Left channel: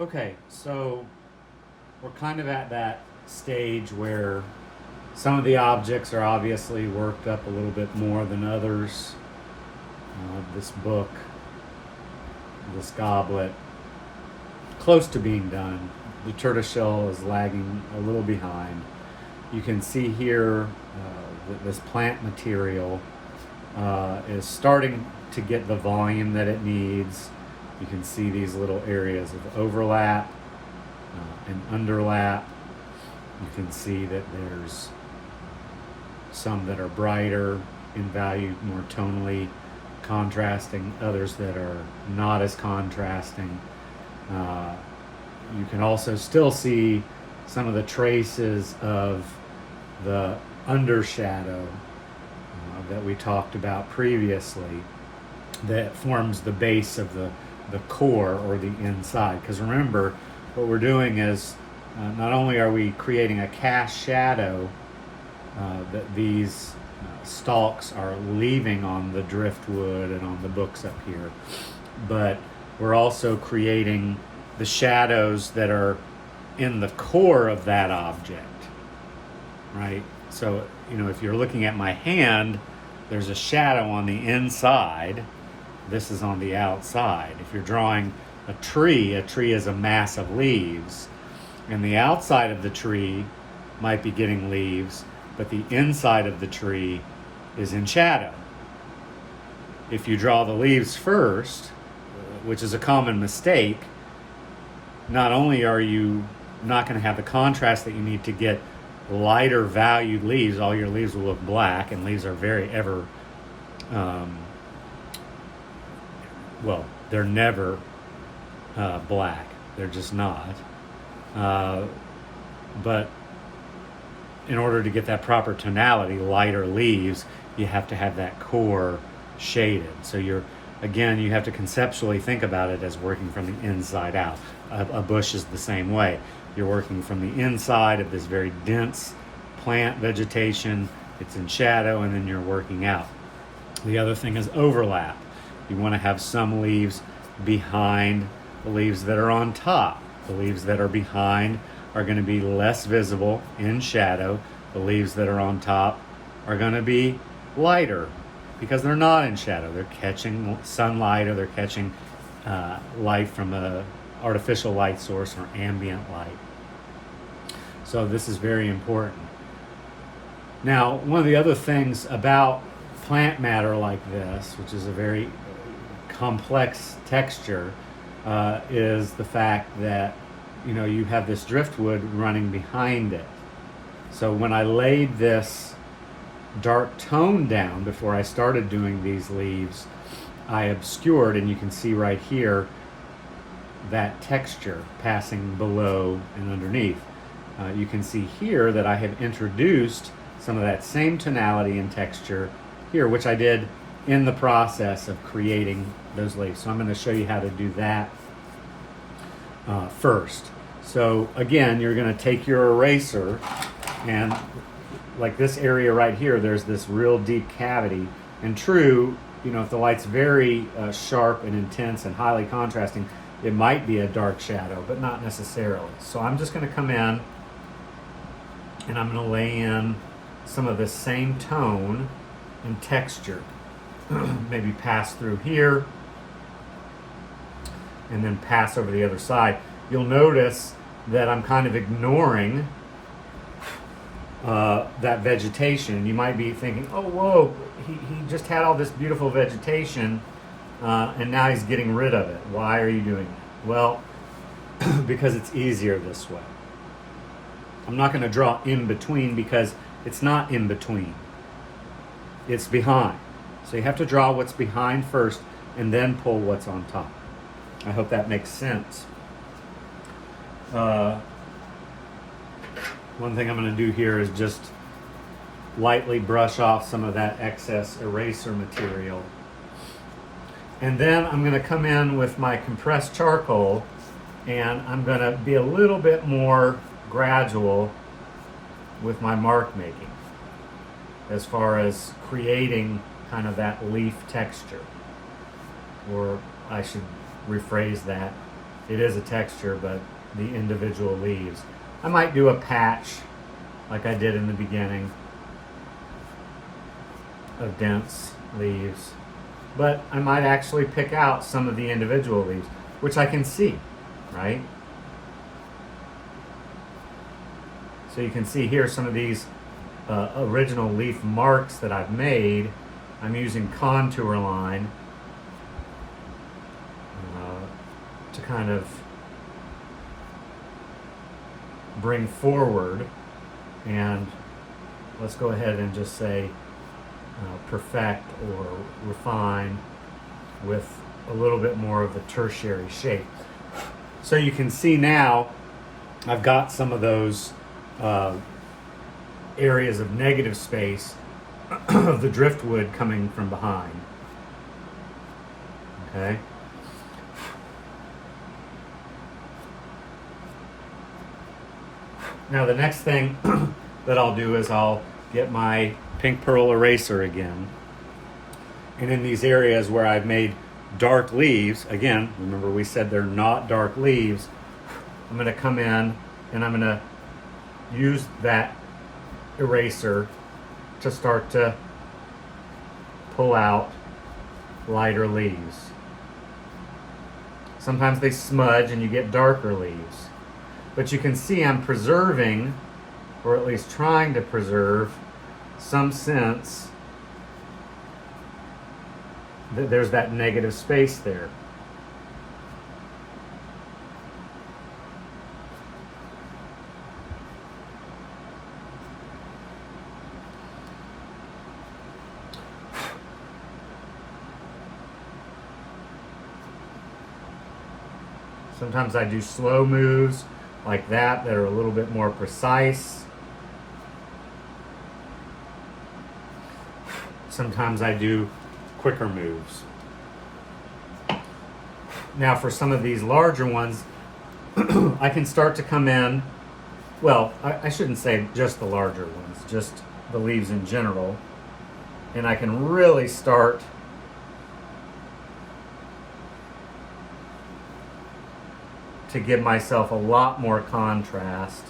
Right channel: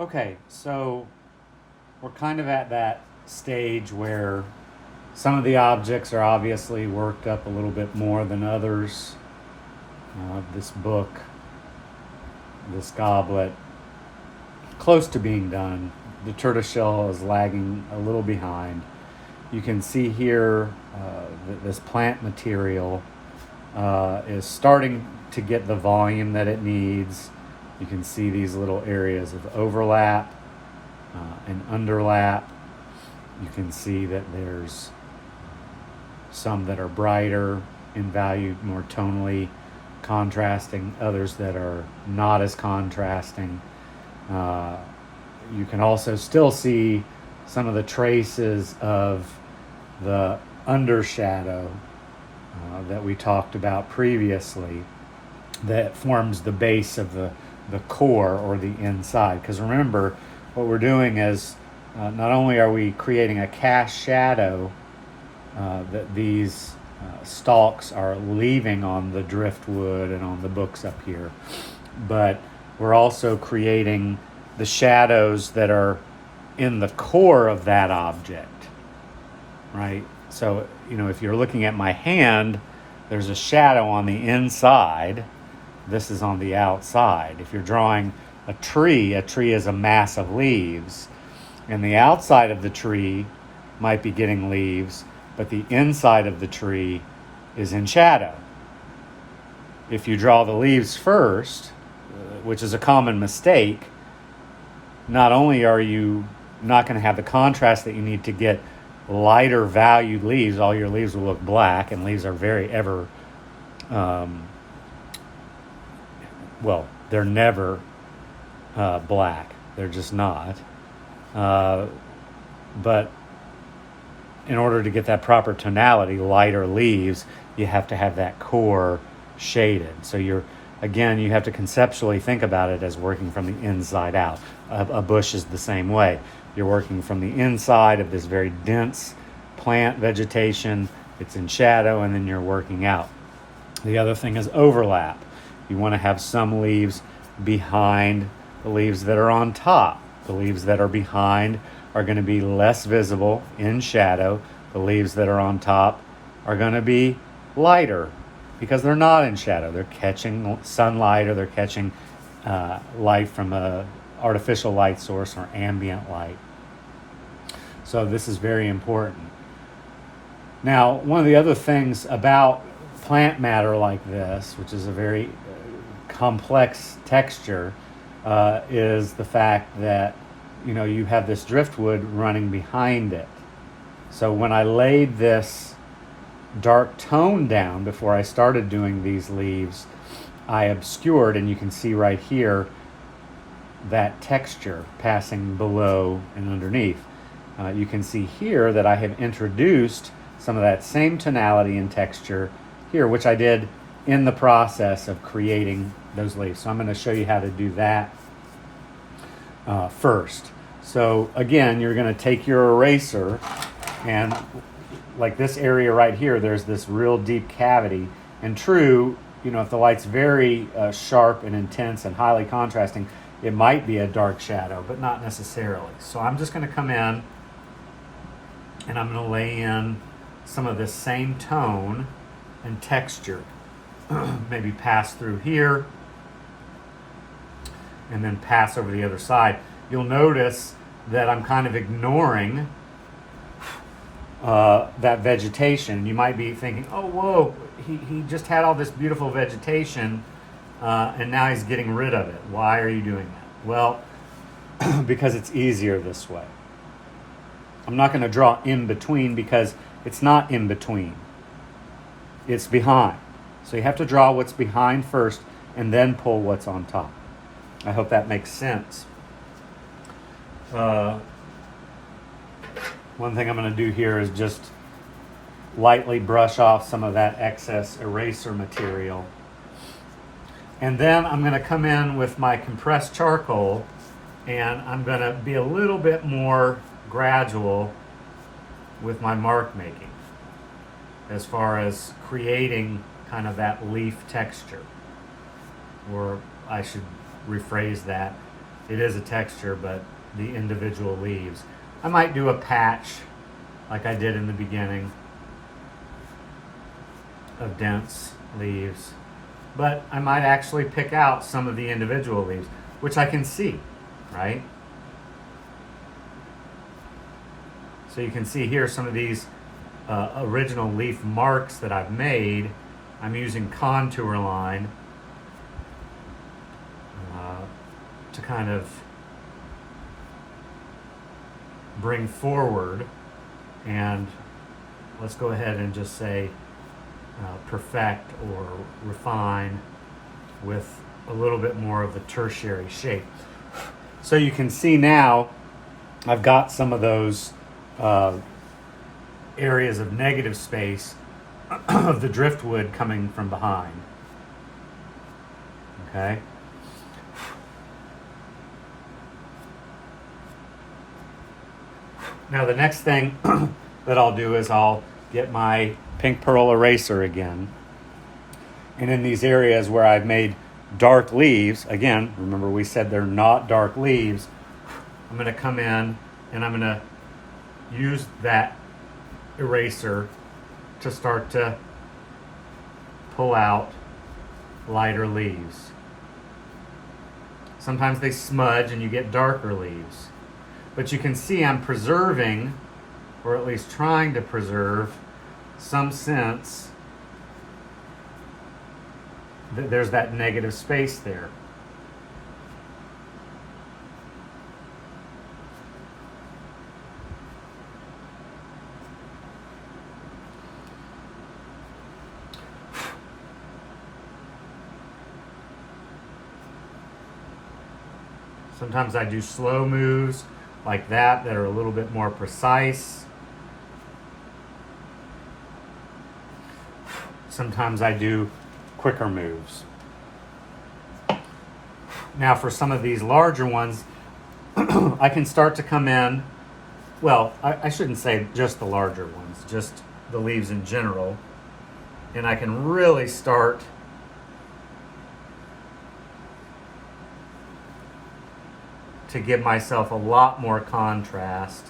Okay, so we're kind of at that stage where some of the objects are obviously worked up a little bit more than others. This book, this goblet, close to being done. The tortoiseshell is lagging a little behind. You can see here this plant material is starting to get the volume that it needs. You can see these little areas of overlap and underlap. You can see that there's some that are brighter in value, more tonally contrasting, others that are not as contrasting. You can also still see some of the traces of the undershadow that we talked about previously that forms the base of the core or the inside. Because remember, what we're doing is not only are we creating a cast shadow that these stalks are leaving on the driftwood and on the books up here, but we're also creating the shadows that are in the core of that object, right? So, if you're looking at my hand, there's a shadow on the inside. This is on the outside. If you're drawing a tree is a mass of leaves, and the outside of the tree might be getting leaves, but the inside of the tree is in shadow. If you draw the leaves first, which is a common mistake, not only are you not going to have the contrast that you need to get lighter valued leaves, all your leaves will look black, and leaves are very they're never black. They're just not. But in order to get that proper tonality, lighter leaves, you have to have that core shaded. So you have to conceptually think about it as working from the inside out. A bush is the same way. You're working from the inside of this very dense plant vegetation. It's in shadow, and then you're working out. The other thing is overlap. You want to have some leaves behind the leaves that are on top. The leaves that are behind are going to be less visible in shadow. The leaves that are on top are going to be lighter because they're not in shadow. They're catching sunlight, or they're catching light from a artificial light source or ambient light. So this is very important. Now, one of the other things about plant matter like this, which is a very complex texture, is the fact that you have this driftwood running behind it. So when I laid this dark tone down before I started doing these leaves, I obscured, and you can see right here, that texture passing below and underneath. You can see here that I have introduced some of that same tonality and texture here, which I did in the process of creating those leaves. So I'm going to show you how to do that first. So again, you're going to take your eraser, and like this area right here, there's this real deep cavity. And true, if the light's very sharp and intense and highly contrasting, it might be a dark shadow, but not necessarily. So I'm just going to come in, and I'm going to lay in some of this same tone and texture. Maybe pass through here and then pass over the other side. You'll notice that I'm kind of ignoring that vegetation. You might be thinking, oh, whoa, he just had all this beautiful vegetation and now he's getting rid of it. Why are you doing that? Well, because it's easier this way. I'm not going to draw in between because it's not in between. It's behind. So you have to draw what's behind first and then pull what's on top. I hope that makes sense. One thing I'm going to do here is just lightly brush off some of that excess eraser material. And then I'm going to come in with my compressed charcoal, and I'm going to be a little bit more gradual with my mark making as far as creating kind of that leaf texture. Or I should rephrase that, it is a texture, but the individual leaves. I might do a patch like I did in the beginning of dense leaves, but I might actually pick out some of the individual leaves, which I can see, right? So you can see here some of these original leaf marks that I've made. I'm using contour line to kind of bring forward, and let's go ahead and just say perfect or refine with a little bit more of the tertiary shape. So you can see now I've got some of those areas of negative space of the driftwood coming from behind. Okay. Now the next thing that I'll do is I'll get my pink pearl eraser again. And in these areas where I've made dark leaves, again, remember we said they're not dark leaves, I'm going to come in and I'm going to use that eraser to start to pull out lighter leaves. Sometimes they smudge and you get darker leaves. But you can see I'm preserving, or at least trying to preserve, some sense that there's that negative space there. Sometimes I do slow moves like that are a little bit more precise. Sometimes I do quicker moves. Now for some of these larger ones, I can start to come in, well, I shouldn't say just the larger ones, just the leaves in general. And I can really start to give myself a lot more contrast.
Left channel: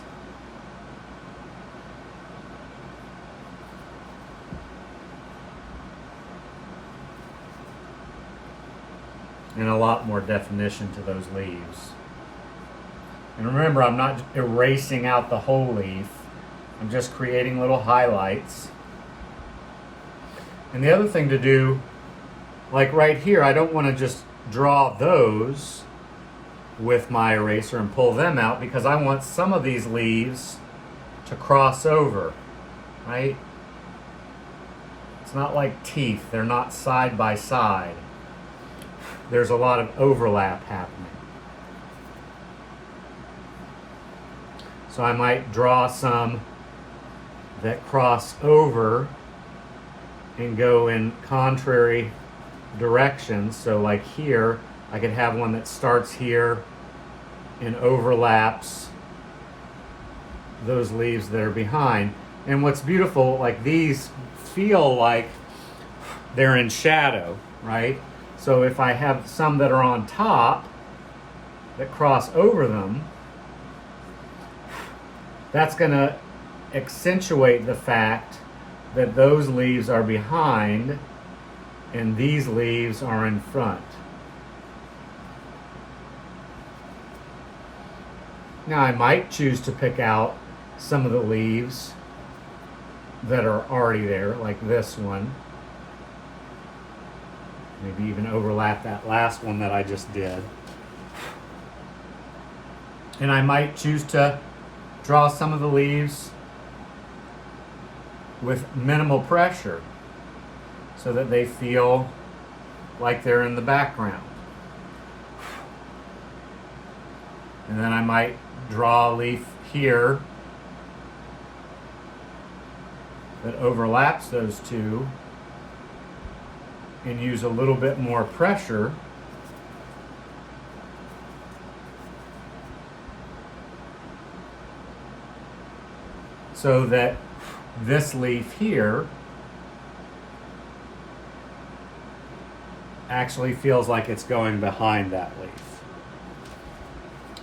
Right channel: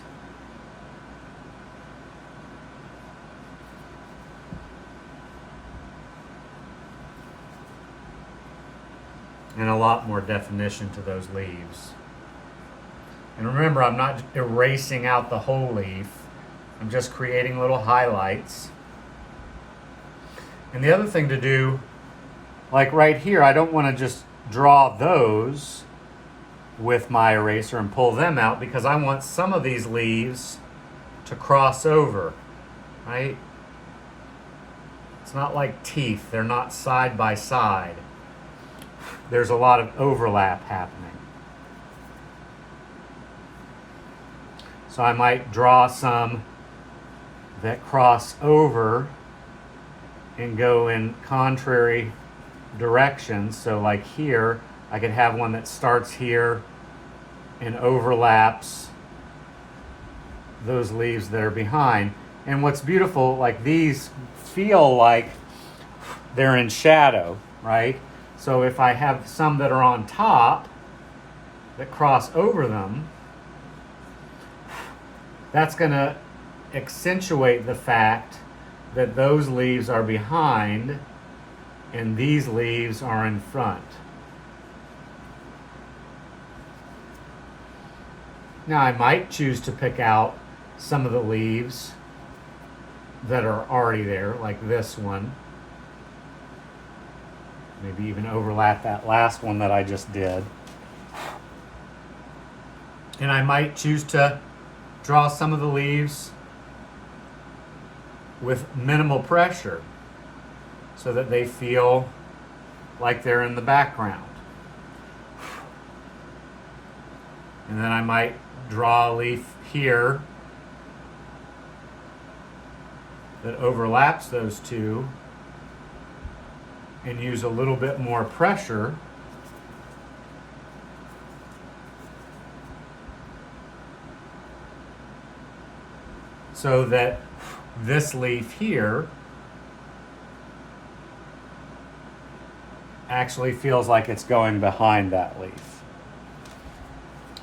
And a lot more definition to those leaves. And remember, I'm not erasing out the whole leaf. I'm just creating little highlights. And the other thing to do, like right here, I don't want to just draw those with my eraser and pull them out, because I want some of these leaves to cross over, right? It's not like teeth. They're not side by side. There's a lot of overlap happening. So I might draw some that cross over and go in contrary directions. So like here, I could have one that starts here and overlaps those leaves that are behind. And what's beautiful, like these feel like they're in shadow, right? So if I have some that are on top that cross over them, that's going to accentuate the fact that those leaves are behind and these leaves are in front. Now I might choose to pick out some of the leaves that are already there, like this one. Maybe even overlap that last one that I just did. And I might choose to draw some of the leaves with minimal pressure so that they feel like they're in the background. And then I might draw a leaf here that overlaps those two and use a little bit more pressure so that this leaf here actually feels like it's going behind that leaf.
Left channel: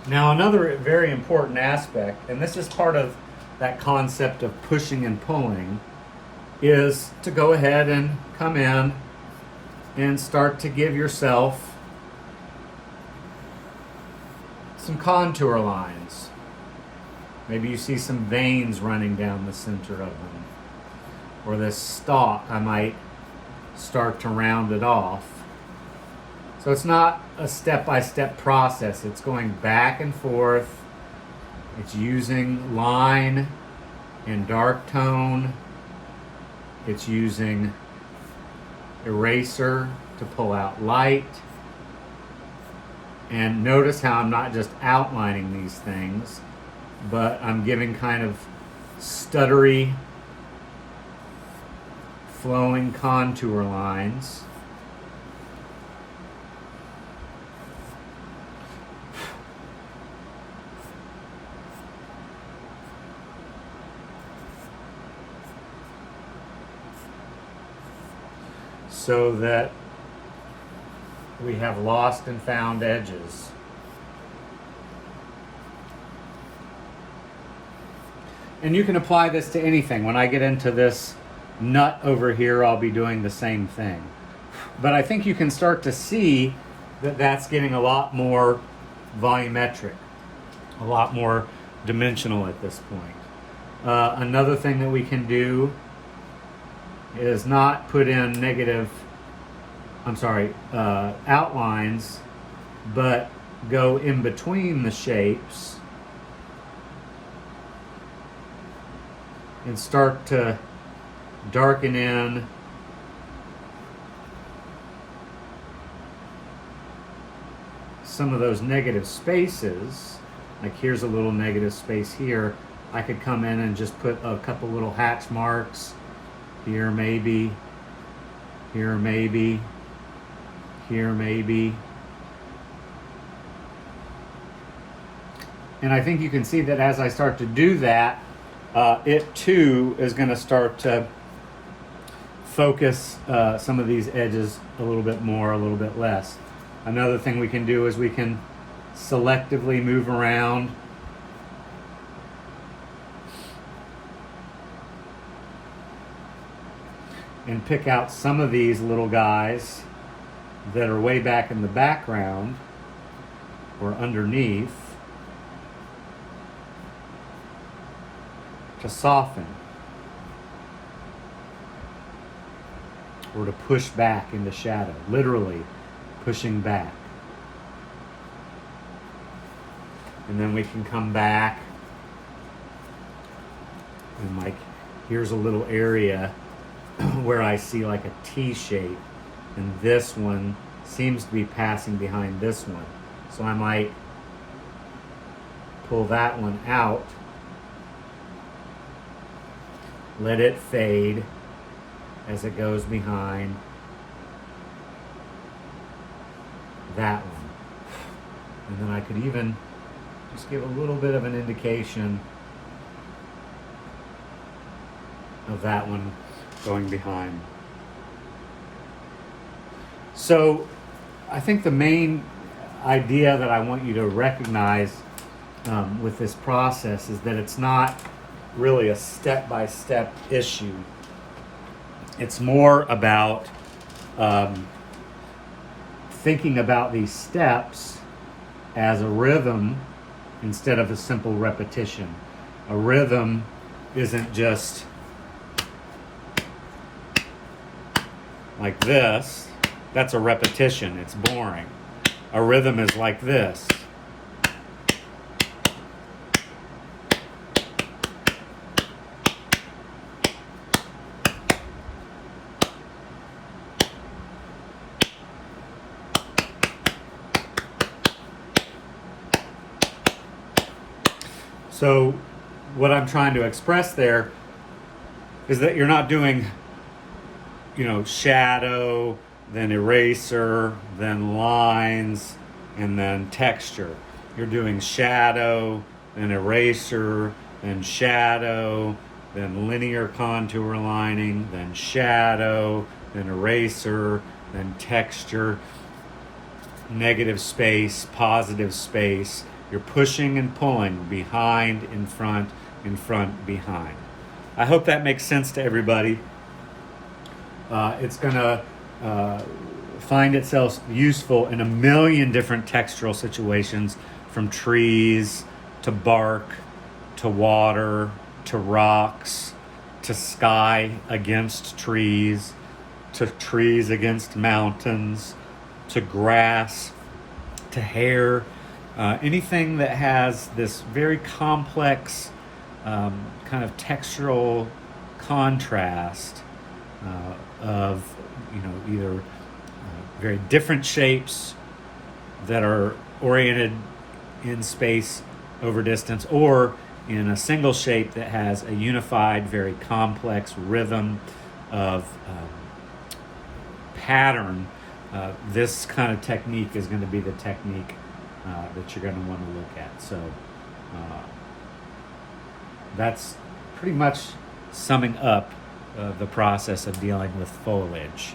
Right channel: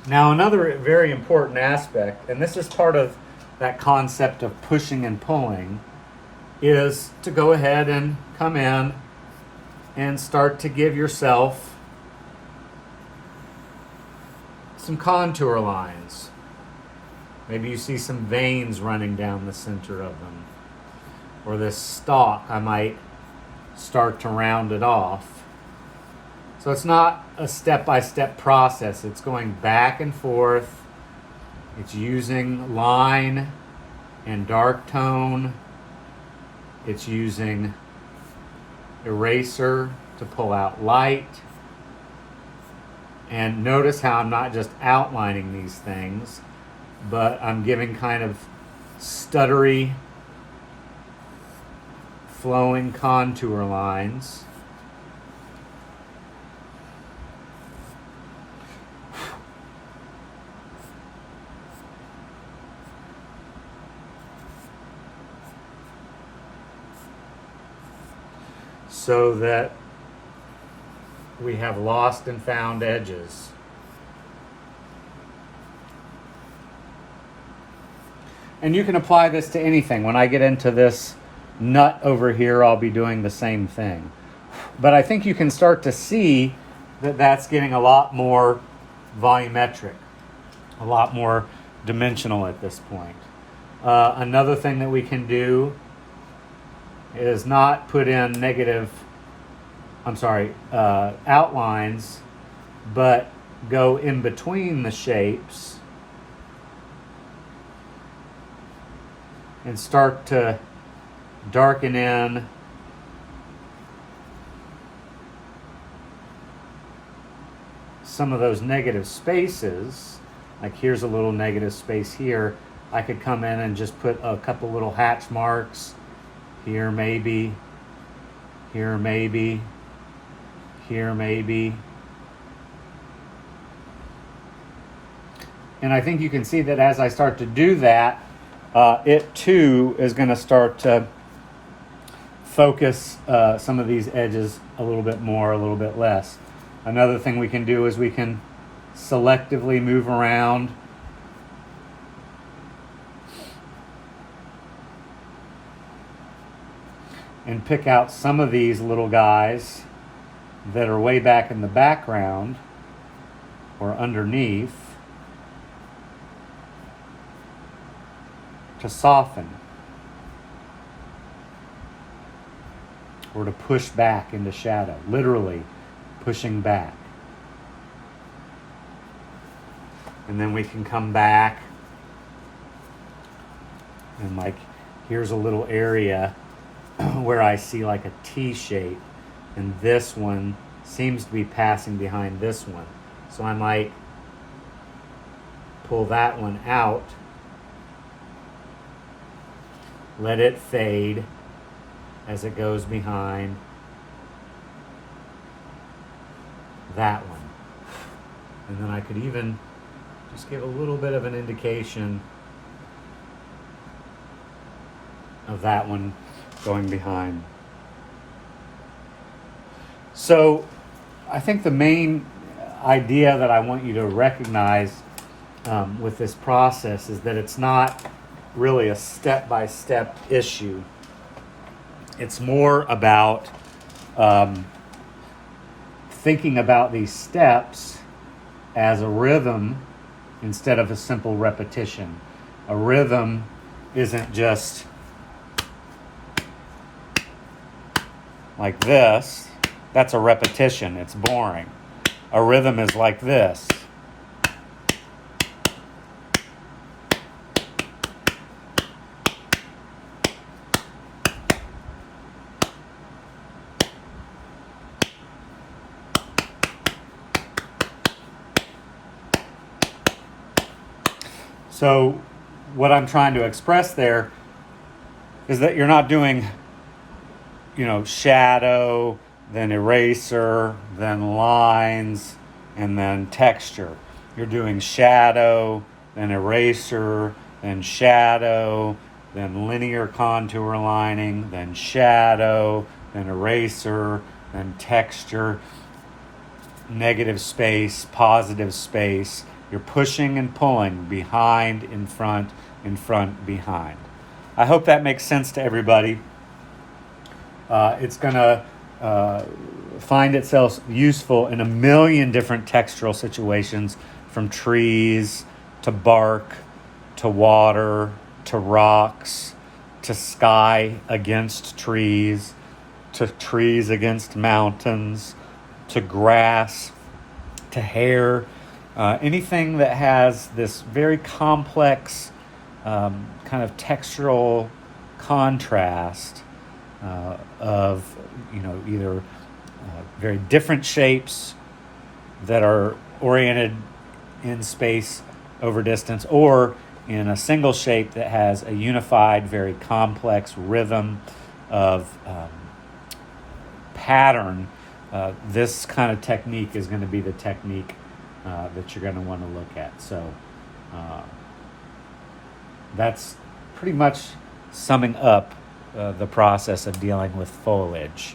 Now, another very important aspect, and this is part of that concept of pushing and pulling, is to go ahead and come in and start to give yourself some contour lines. Maybe you see some veins running down the center of them. Or this stalk, I might start to round it off. So it's not a step-by-step process. It's going back and forth. It's using line and dark tone. It's using eraser to pull out light. And notice how I'm not just outlining these things, but I'm giving kind of stuttery, flowing contour lines. So that we have lost and found edges. And you can apply this to anything. When I get into this nut over here, I'll be doing the same thing. But I think you can start to see that that's getting a lot more volumetric, a lot more dimensional at this point. Another thing that we can do is not put in outlines, but go in between the shapes and start to darken in some of those negative spaces. Like here's a little negative space here. I could come in and just put a couple little hatch marks here, maybe, here, maybe, here, maybe. And I think you can see that as I start to do that, it too is going to start to focus some of these edges a little bit more, a little bit less. Another thing we can do is we can selectively move around and pick out some of these little guys that are way back in the background or underneath to soften or to push back into shadow, literally pushing back. And then we can come back and like here's a little area where I see like a T shape, and this one seems to be passing behind this one. So I might pull that one out, let it fade as it goes behind that one. And then I could even just give a little bit of an indication of that one going behind. So I think the main idea that I want you to recognize with this process is that it's not really a step-by-step issue. It's more about thinking about these steps as a rhythm instead of a simple repetition. A rhythm isn't just like this. That's a repetition. It's boring. A rhythm is like this. So what I'm trying to express there is that you're not doing, shadow, then eraser, then lines, and then texture. You're doing shadow, then eraser, then shadow, then linear contour lining, then shadow, then eraser, then texture, negative space, positive space, You're pushing and pulling behind, in front, behind. I hope that makes sense to everybody. It's going to find itself useful in a million different textural situations, from trees to bark to water to rocks to sky against trees to trees against mountains to grass to hair. Anything that has this very complex kind of textural contrast of, either very different shapes that are oriented in space over distance, or in a single shape that has a unified, very complex rhythm of pattern. This kind of technique is going to be the technique that you're going to want to look at. So that's pretty much summing up the process of dealing with foliage.